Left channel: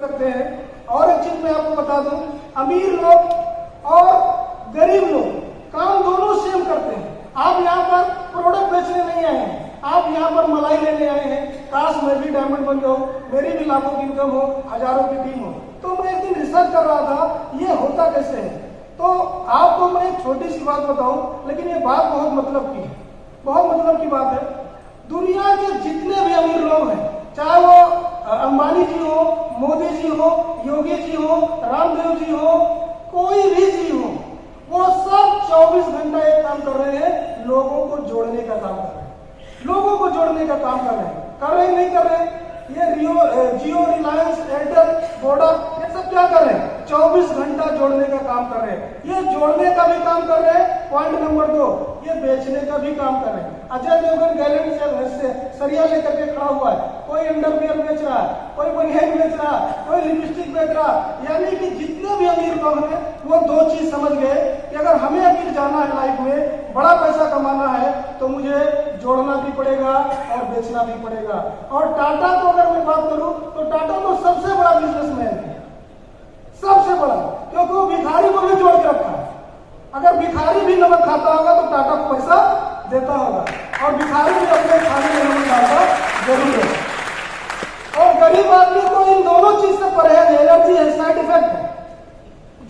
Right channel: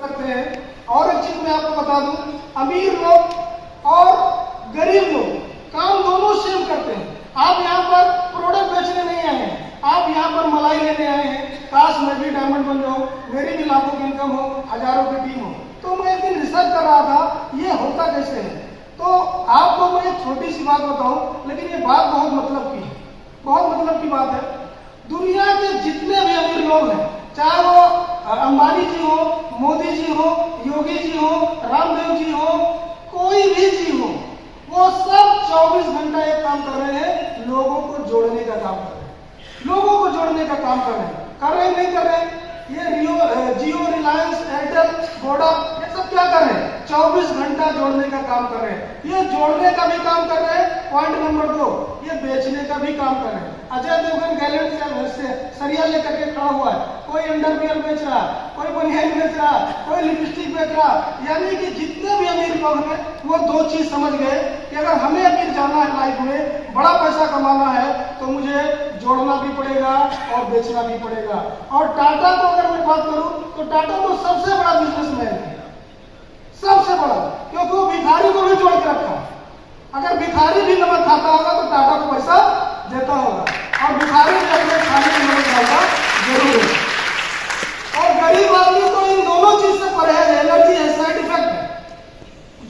सकते हैं। और एक चीज मैं आपको बता दूं, अमीर लोग और गरीब लोग काम दोनों सेम करते हैं। आप यहाँ पर प्रोडक्ट बेचने नहीं आए हैं, आप यहाँ पर मलाई लेने आए हैं। काश मैं भी डायमंड बन जाऊं, मेरी भी लाखों की इनकम हो, हजारों की टीम हो। तो मैं एक दिन रिसर्च कर रहा था ये होता कैसे है। तो आपको मैं एक छोटी सी बात बताऊं, लेकिन ये बात बहुत मतलब की है, बहुत मतलब की बात है। दुनिया के जितने भी अमीर लोग हैं, चाहे वो अंबानी जी हो, मोदी जी हो, योगी जी हो, रामदेव जी हो, कोई भी जी हो, वो सब 24 घंटा एक काम कर रहे हैं, लोगों को जोड़ने का काम कर रहे हैं। लोगों को जोड़ने का काम कर रहे हैं, नहीं कर रहे। ये जियो, रिलायंस, एयरटेल, वोडा, ये सब क्या कर रहे हैं? 24 घंटा जोड़ने का काम कर रहे हैं। ये जोड़ने का भी काम कर रहे हैं। पॉइंट नंबर 2, ये बेचने का भी काम कर रहे हैं। अजय देवगन गैलेंट से सरिया लेकर के खड़ा हुआ है, कोई अंडरवियर बेच रहा है, कोई बनियान बेच रहा है, कोई लिपस्टिक बेच रहा है। यानी कि जितने भी अमीर लोग हैं वो 2 चीज समझ गए कि अगर हमें अमीर जाना है लाइफ में, बड़ा पैसा कमाना है, तो मुझे जोड़ना भी पड़ेगा और बेचना भी पड़ेगा। और टाटा को अगर मैं बात करूं तो टाटा तो सबसे बड़ा बिजनेसमैन है, सबसे बड़ा, क्योंकि वो भिखारी को भी जोड़ के रखा है। अगर भिखारी भी नमक खाता होगा तो टाटा को पैसा देता होगा, और भिखारी भी अपने खाने में नहीं खाएगा जरूर है। और गरीब आदमी को इन दोनों चीज से परहेज है, एलर्जी है, साइड इफेक्ट है,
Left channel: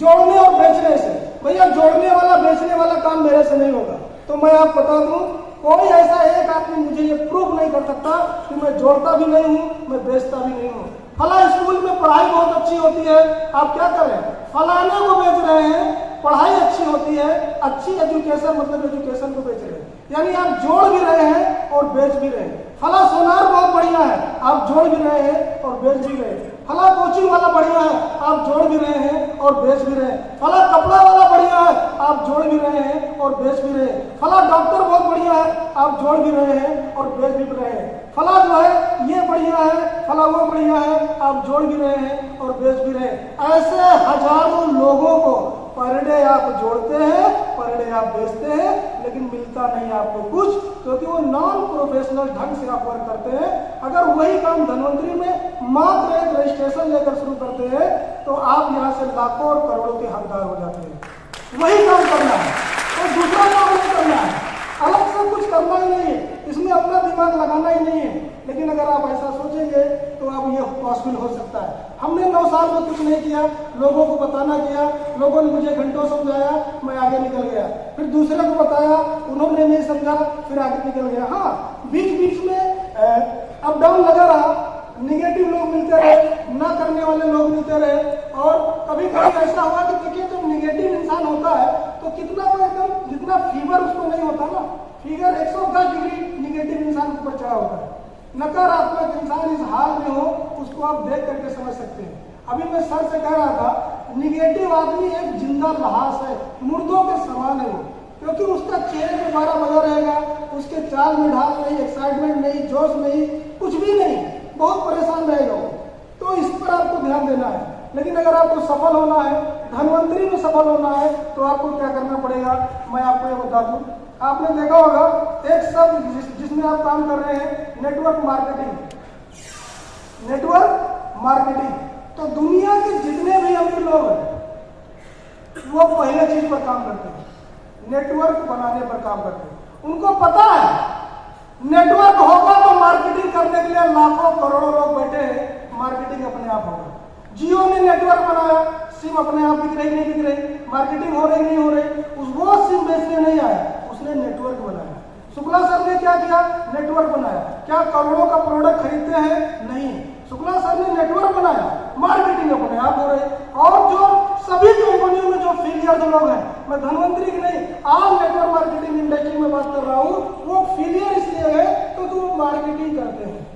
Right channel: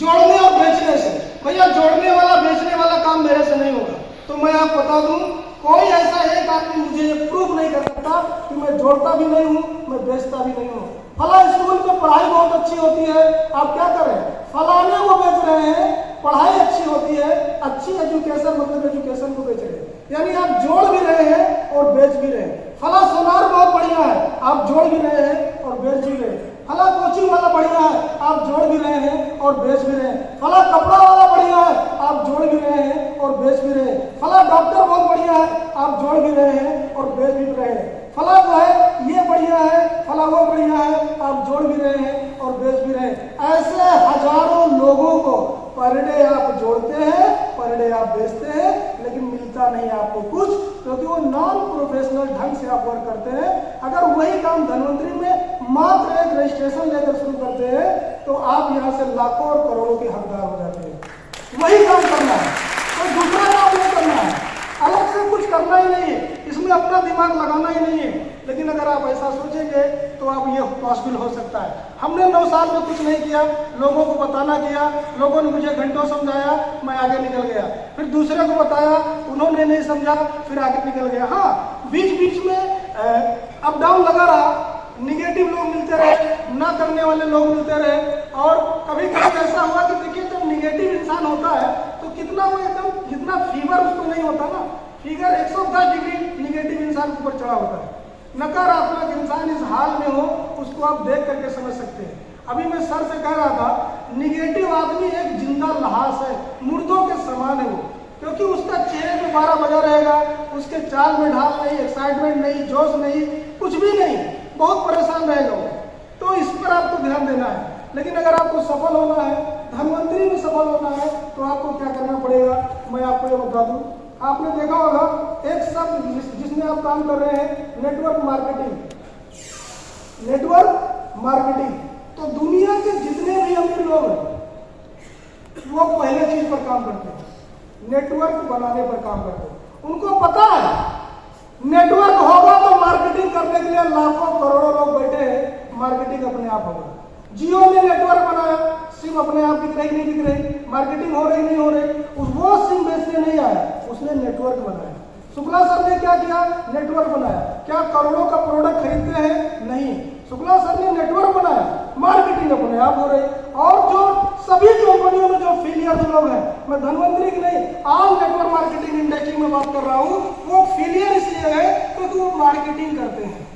जोड़ने और बेचने से। भैया जोड़ने वाला बेचने वाला काम मेरे से नहीं होगा। तो मैं आपको बता दूं, कोई ऐसा एक आदमी मुझे ये प्रूव नहीं कर सकता कि मैं जोड़ता भी नहीं हूं, मैं बेचता भी नहीं हूं। फला स्कूल में पढ़ाई बहुत अच्छी होती है, आप क्या करें, फलाने को बेच रहे हैं, पढ़ाई अच्छी होती है, अच्छी एजुकेशन मतलब एजुकेशन को बेच रहे हैं। यानी आप जोड़ भी रहे हैं और बेच भी रहे हैं। फला सोनार बहुत बढ़िया है, आप जोड़ भी रहे हैं और बेच भी रहे हैं। फला कोचिंग वाला बढ़िया है, आप जोड़ भी रहे हैं और बेच भी रहे हैं। फला कपड़ा वाला बढ़िया है, आप जोड़ भी रहे हैं और बेच भी रहे हैं। फला डॉक्टर बहुत बढ़िया है, आप जोड़ भी रहे हैं और बेच भी रहे हैं। फला जो है ये बढ़िया है, फला वो बढ़िया है, आप जोड़ भी रहे हैं और बेच भी रहे हैं। ऐसे हजारों लोगों को पर डे आप जोड़ते हैं, पर डे आप बेचते हैं, लेकिन मिलता नहीं आपको कुछ, क्योंकि वो नॉन प्रोफेशनल ढंग से आप वर्क करते हैं। अगर वही काम धनवंतरी में मात्र एक रजिस्ट्रेशन लेकर शुरू करते हैं तो आप यहाँ से लाखों और करोड़ों के हकदार हो जाते हैं। वही काम करना है, तो दूसरा काम नहीं करना है, अलग से कुछ करना ही नहीं है, इसमें अपना दिमाग लगाना ही नहीं है। लेकिन अगर आप ऐसा सोचेंगे तो आप ये पॉसिबल हो सकता है। हमने 9 साल में कुछ नहीं किया, लोगों को बताना किया, लोगों ने मुझे घंटों समझाया, मैं आगे निकल गया। फिर दूसरे को बताया, उन्होंने नहीं समझा, फिर आगे निकल गया। हाँ, बीच बीच में अप डाउन लगा रहा, निगेटिव लोग मिलते रहे, ना करने वाले लोग मिलते रहे। और कभी कभी ऐसा हुआ कि देखिए जब निगेटिव इंसान होता है तो कितना वो एकदम, जितना फीवर उसको नहीं होता ना, फिगर 110 डिग्री निगेटिव इंसान के ऊपर चढ़ा होता है। नकारात्मक इंसान इस हाल में हो, उसको आप देख करके समझ सकते हैं। अभी मैं सर से कह रहा था, निगेटिव आदमी एक जिंदा लाश है, मुर्दों के समान है वो, क्योंकि उसका चेहरे में 12 बजा रहेगा, उसके चाल में ढाल नहीं, एक्साइटमेंट नहीं, जोश नहीं, कुछ भी नहीं, बहुत परेशान रहेगा वो। तो इस पर आपको ध्यान देना है। लेकिन अगर आपको सफल होना है, धनवंतरी में सफल होना है, तो आपको क्या करना पड़ेगा, मैं आपको ये बता दूं। आपने देखा होगा एक शब्द जिसमें आप काम कर रहे हैं, नेटवर्क मार्केटिंग। नेटवर्क मार्केटिंग, तो दुनिया के जितने भी अमीर लोग हैं वो पहले चीज पर काम करते हैं, नेटवर्क बनाने पर काम करते हैं। उनको पता है नेटवर्क होगा तो मार्केटिंग करने के लिए लाखों करोड़ों लोग बैठे हैं, मार्केटिंग अपने आप होगा। जियो ने नेटवर्क बनाया, सिम अपने आप बिक रही नहीं बिक रही, मार्केटिंग हो रही नहीं हो रही, वो सिम बेचने नहीं आया, उसने नेटवर्क बनाया। शुक्ला सर ने क्या किया, नेटवर्क बनाया। क्या करोड़ों का प्रोडक्ट खरीदते हैं? नहीं, शुक्ला सर ने नेटवर्क बनाया, मार्केटिंग अपने आप हो रही। और जो सभी कंपनियों में जो फेलियर लोग हैं, मैं धनवंतरी की नहीं, आज नेटवर्क मार्केटिंग इंडस्ट्री में बात कर रहा हूँ, वो फेलियर इसलिए है क्योंकि वो मार्केटिंग करते हैं,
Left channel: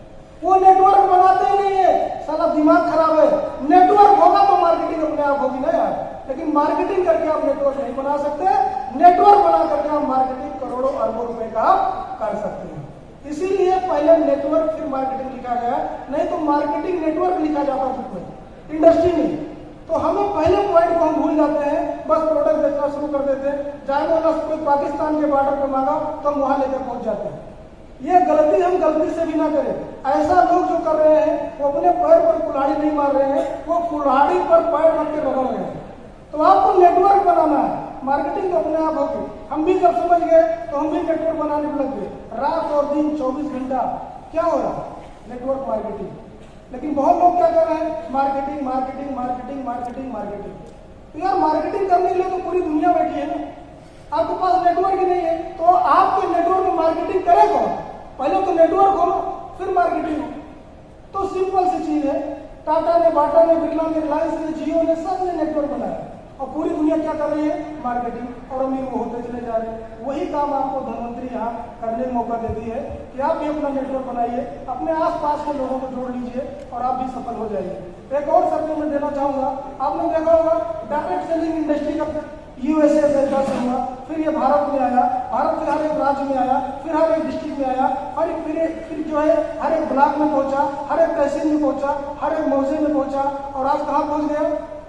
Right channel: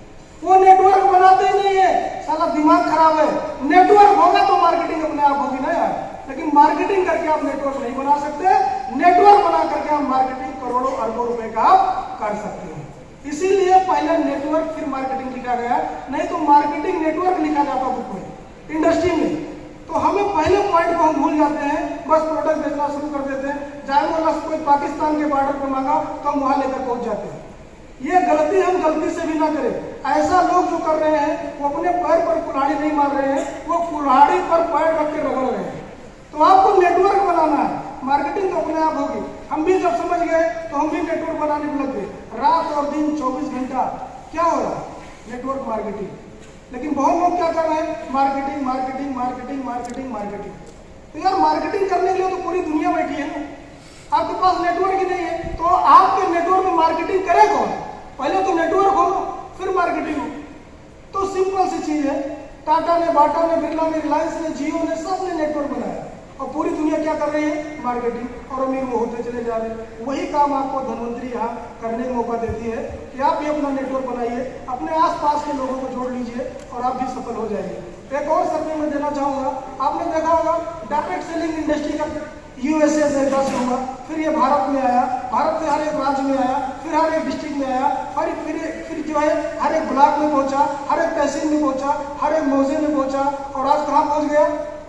वो नेटवर्क बनाते ही नहीं है। साला दिमाग खराब है। नेटवर्क होगा तो मार्केटिंग अपने आप होगी ना यार, लेकिन मार्केटिंग करके आप नेटवर्क नहीं बना सकते। नेटवर्क बना करके आप मार्केटिंग करोड़ों अरबों रुपए का कर सकते हैं। इसीलिए पहले नेटवर्क फिर मार्केटिंग लिखा गया, नहीं तो मार्केटिंग नेटवर्क लिखा जाता बुक में, इंडस्ट्री में। तो हमें पहले पॉइंट को हम भूल जाते हैं, बस प्रोडक्ट बेचना शुरू कर देते हैं। चाहे वो कोई पाकिस्तान के बॉर्डर पर मांगा तो हम वहां लेकर पहुंच जाते हैं। ये गलती हम गलती से भी ना करें। ऐसा लोग जो कर रहे हैं वो अपने पैर पर कुल्हाड़ी नहीं मार रहे हैं, वो कुल्हाड़ी पर पैर रख के रगड़ रहे हैं। तो आपको नेटवर्क बनाना है, मार्केटिंग तो अपने आप होगी। हम भी जब समझ गए तो हम भी नेटवर्क बनाने में लग गए। रात और दिन 24 घंटा क्या हो रहा है? Network marketing. लेकिन बहुत लोग क्या कर रहे हैं? Marketing marketing marketing marketing marketing. तो यार मार्केटिंग करने के लिए तो पूरी दुनिया बैठी है ना, आपके पास नेटवर्क ही नहीं है तो आपके नेटवर्क में मार्केटिंग करे कौन? पहले तो नेटवर्क हो फिर मार्केटिंग हो। तो सिंपल सी चीज है, टाटा ने, बाटा ने, बिरला ने, रिलायंस ने, जियो ने, सब ने नेटवर्क बनाया और पूरी दुनिया क्या कर रही है? मार्केटिंग। और अमीर वो होते चले जा रहे हैं। वही काम आपको धनवंतरी यहाँ करने का मौका देती है कि आप भी अपना नेटवर्क बनाइए, अपने आसपास के लोगों को जोड़ लीजिए और आप भी सफल हो जाइए। एक और सर्वे में देना चाहूंगा, आपने देखा होगा डायरेक्ट सेलिंग इंडस्ट्री का यूएसए से दस हुआ, फिर ये भारत में आया, भारत के हर एक राज्य में आया, फिर हर एक डिस्ट्रिक्ट में आया, फिर जो है हर एक ब्लॉक में पहुंचा, हर एक तहसील में पहुंचा, हर एक मौजे में पहुंचा और आज कहाँ पहुंच गया?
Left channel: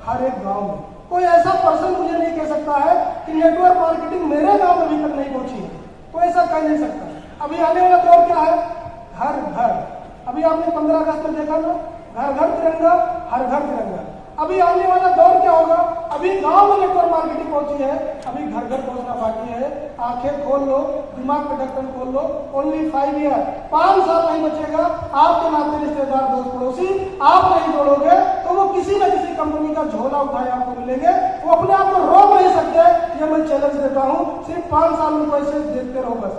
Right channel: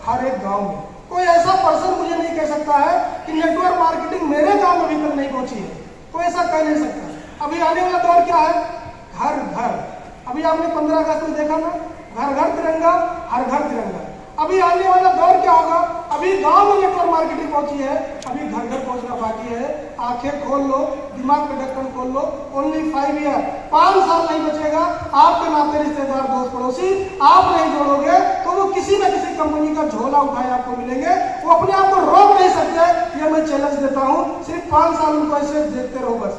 हर एक गांव में। कोई ऐसा पर्सन मुझे नहीं कह सकता है कि नेटवर्क मार्केटिंग मेरे गांव में भी तक नहीं पहुंची है, कोई ऐसा कह नहीं सकता। अभी आने वाला दौर क्या है? घर घर। अभी आपने 15 अगस्त में देखा ना, घर घर तिरंगा, हर घर तिरंगा। अभी आने वाला दौर क्या होगा? अभी गांव में नेटवर्क मार्केटिंग पहुंची है, अभी घर घर पहुंचना बाकी है। आंखें खोल लो, दिमाग का ढक्कन खोल लो। ओनली 5 ईयर, 5 साल नहीं बचेगा, आपके नाते रिश्तेदार दोस्त पड़ोसी आप नहीं जोड़ोगे तो वो किसी न किसी कंपनी का झोला उठाए आपको मिलेंगे। वो अपने आप को रोक नहीं सकते, ये मैं चैलेंज देता हूँ। सिर्फ 5 साल उनको ऐसे देखते रहो बस।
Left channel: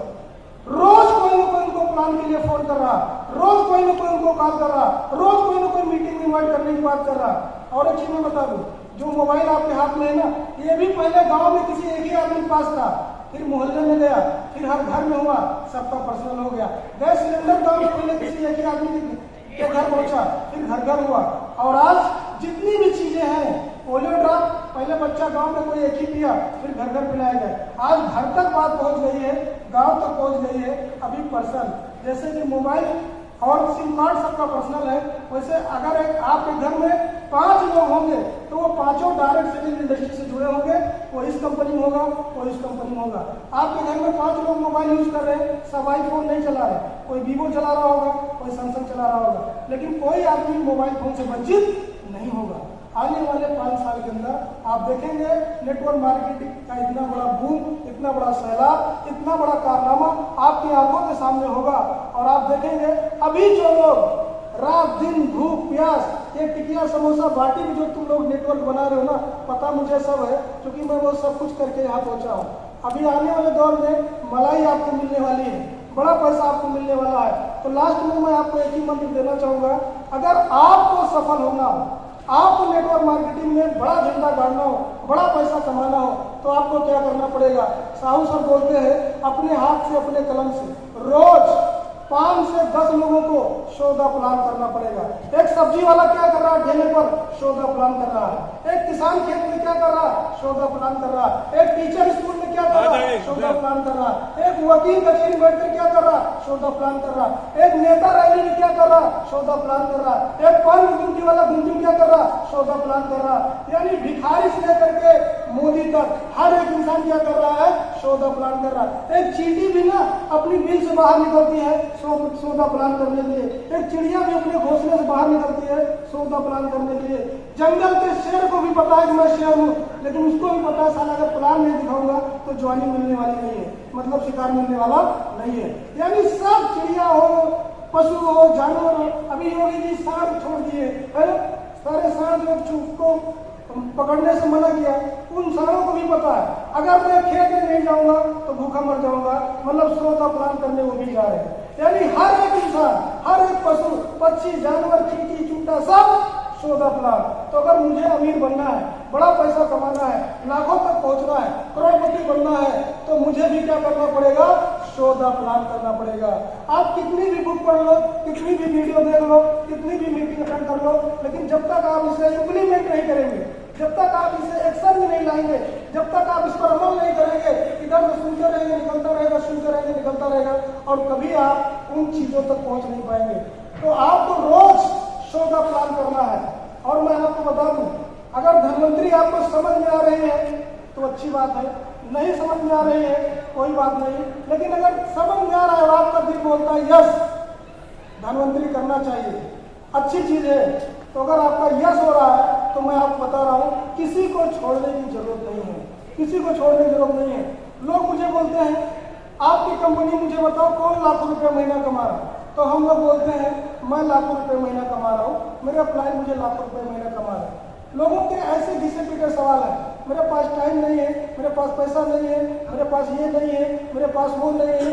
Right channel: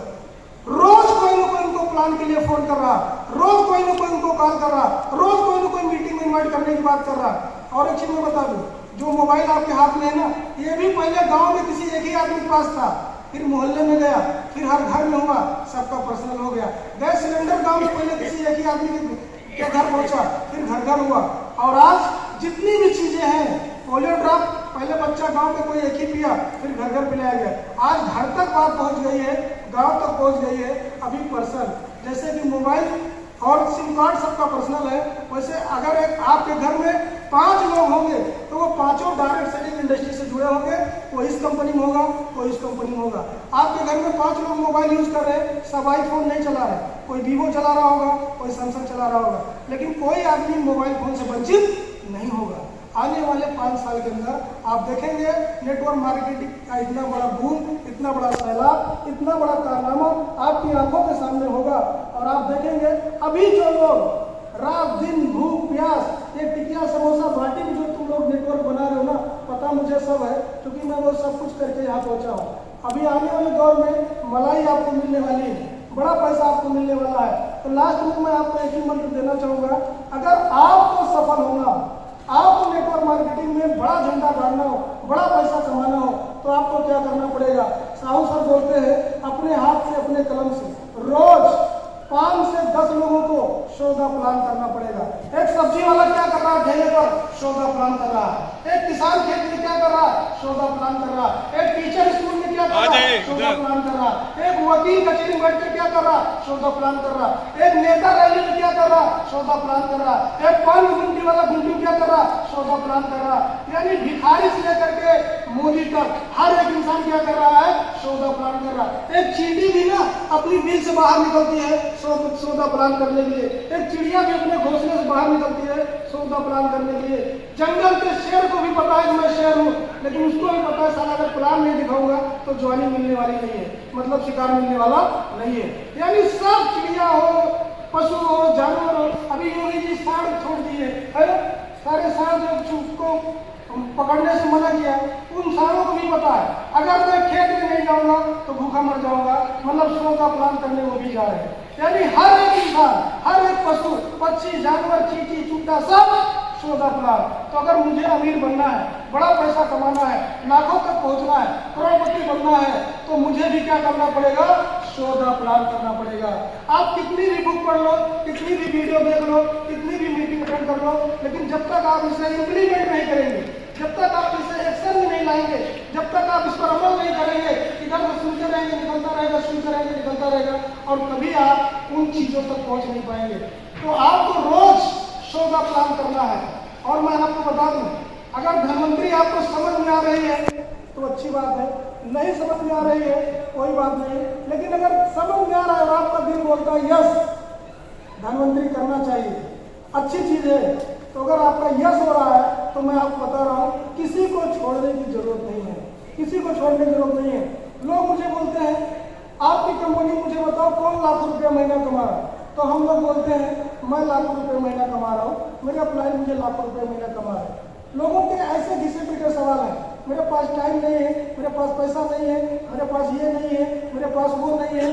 रोज कोई ना कोई उनको प्लान के लिए फोन कर रहा, रोज कोई ना कोई उनको कॉल कर रहा, रोज कोई ना कोई मीटिंग इन्वाइट करने की बात कर रहा। और एक चीज मैं बता दूं, जो मोबाइल आपके हाथ में है ना, ये भी पहले गांव में किसी एक ही आदमी के पास था, फिर मोहल्ले में गया, फिर हर घर में हुआ, सबका पर्सनल हो गया। गैस सिलेंडर गांव में पहले किसी एक ही आदमी के घर पहुंचा, फिर घर घर हुआ। और आज जितनी भी चीजें हैं, पोलियो ड्रॉप पहले बच्चा गांव में कोई एक ही पिया, फिर घर घर पिलाया गया। आज घर तक बात पहुंच गई है, गांव तक पहुंच गई है। अभी पर्सन जैसे कि मोबाइल और सिम कार्ड सबका पर्सनल है, वैसे अगर एक आपके घर में 5 लोग होंगे तो वो पांचों डायरेक्ट सेलिंग इंडस्ट्री से जुड़े होंगे। कोई इस कंपनी में होगा, कोई इस कंपनी में होगा। आपके घर में 5 लोग मोबाइल यूज कर रहे हैं, सब आईफोन नहीं चला रहे, कोई वीवो चला रहा होगा, कोई सैमसंग चला रहा होगा, लेकिन कोई आदमी मोबाइल फोन से वंचित नहीं होगा। आने वाले 5 साल के अंदर आप देखेंगे नेटवर्क मार्केटिंग का इतना बड़ा बूम, इतना बड़ा सैलाब, इतना बड़ा कारनामा आपकी आंखों के सामने होगा। और आप देखेंगे अभी जो लोग रात दिन भूख प्यास ये टिकिया समोसा बाटी में जो तुम लोग नेटवर्क बना रहे हो ना, पता मुझे सब है, क्योंकि मैं वो सब कुछ करके यहाँ पहुंचा हूँ। अभी आने वाले दौर में मलाई आपको मिलने वाली है, बड़ा पैसा आपको मिलने वाला है। तो लास्ट में मैं आपको एक ही मंत्र देना चाहूंगा, अगर आपको सफल होना हो, आपको नेटवर्क मार्केटिंग में बड़ा झंडा गाड़ना हो, बड़ा पैसा कमाना हो, तो आपको क्या करना पड़ेगा? साहू सर बोलते हैं अपने हाथ से अपने कलम से रोज 5 से 10 लोगों को सौदा प्लान करना पड़ेगा। एक सब्जी वाला क्या कर रहा है? ठेले पर सौदा प्लान कर रहा है। एक किसान खेत में क्या कर रहा है? सौदा प्लान कर रहा है। एक टीचर स्कूल में क्या कर रहा है? सौदा प्लान कर रहा है। एक वकील कचहरी बैठ कर क्या कर रहा है? सौदा प्लान कर रहा है। एक नेता रैली में क्या कर रहा है? सौदा प्लान कर रहा है। एक पान गुंडी वाला गुंडी क्या कर रहा है? सौदा प्लान कर रहा है। यानी भिखारी से लेकर के मोदी तक हर एक इंसान क्या कर रहा है? सौदा प्लान कर रहा है। एक चींटी भी ना अपनी बिल से बाहर निकलती है सौदा प्लान करने के लिए। एक चिड़िया भी अपने घोंसले से बाहर निकलती है सौदा प्लान करने के लिए। जंगल के शेर को भी पता है कि मैं शेर हूँ, लेकिन उसको भी पता है साला अगर प्लान नहीं दिखाऊंगा तो ज्वानी मिलने वाली नहीं है, मतलब शिकार मिलने वाला नहीं है। यानी सब चिड़िया हो, पशु हो, जानवर हो। अभी योगी जी सांड छोड़ दिए, सारे सांड को पकड़ने से मना किया, उन सांडों को भी पता है अगर मैं खेत में नहीं जाऊंगा तो भूखा मर जाऊंगा, मतलब सौदा प्लान करने वो भी जा रहे हैं। यानी हर एक इंसान, हर एक पशु, पक्षी, जानवर, चींटी, चूटा सब सौदा प्लान। तो अगर मुझे अमीर बनना है, बड़ा पैसा कमाना है, लाखों तक पहुंचना है, करोड़पति बनना है, तो मुझे भी क्या करना पड़ेगा? सौदा प्लान करना पड़ेगा। आप कितनी भी बुक पढ़ लो, कितनी भी वीडियो देख लो, कितनी भी मीटिंग अटेंड कर लो, लेकिन जब तक आप इसे इम्प्लीमेंट नहीं करेंगे, जब तक आप इसे एक्शन में नहीं लाएंगे, जब तक आप इस पर अमल नहीं करेंगे, इधर से सुनते रहेंगे, निकलता रहेगा, सुनते रहेंगे, निकलता रहेगा, और कभी आप उन चीजों तक पहुंच नहीं पाएंगे। तो आपको रोज सौदा प्लान करना है। और मैं आपको बता दूं, अगर धनवंतरी आपको समझ में आ रही है तो अच्छी बात है, नहीं समझ में आ रही है कोई बात नहीं, लेकिन अगर समझ में आ रहा है और आपका दिल बोलता है यस धनवंतरी करना चाहिए, अच्छी चीज है, तो अगर आपका यस हो रहा है तो मैं आपको बता रहा हूँ किसी को छोड़ने की जरूरत नहीं है, किसी को छोड़ने की जरूरत नहीं है। लोग मुझे बोलते हैं आपकी कंपनी मुझे बताओ कौन लाख रुपये महीना कमा रहा है, तो हम लोग बोलते हैं मैं लाखों रुपये महीना कमा रहा हूँ, मेरा क्लाइंट मुझे लाखों रुपये महीना कमा रहा है। लोगों के ऐसे घिसे पीटे सवाल है, मेरे पास टाइम नहीं है, मेरे पास पैसा नहीं है, मेरे पास ये नहीं है, मेरे पास वो नहीं है।